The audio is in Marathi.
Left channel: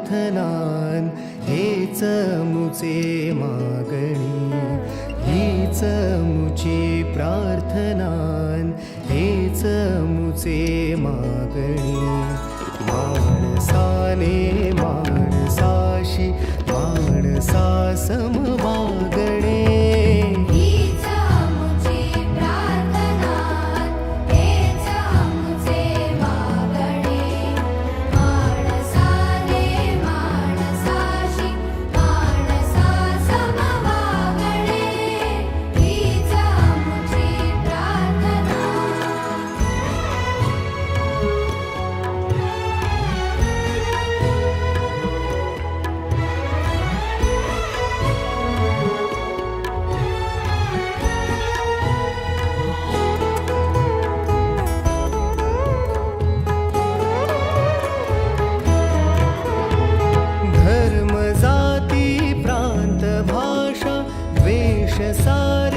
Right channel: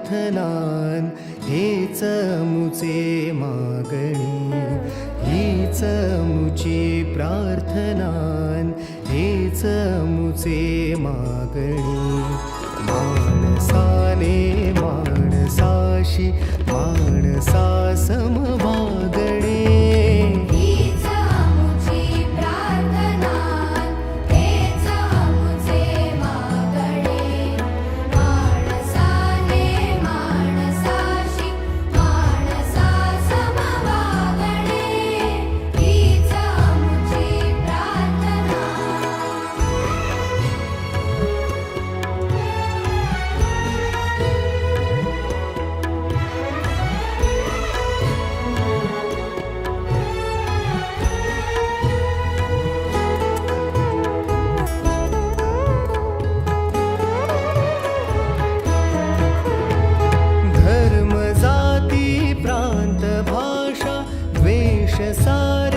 प्रार्थनान हेच मुचे मागणी, हीच मुची प्रार्थनान हेच मुचे मागणी. माणसाने माणसाशी माणसा सम वागणे, हीच मुची प्रार्थना, हेच मुचे मागणे. माणसाने माणसाशी माणसा सम वागणे, हीच मुची प्रार्थना. धर्म जाती प्रांत भाषा द्वेष सारी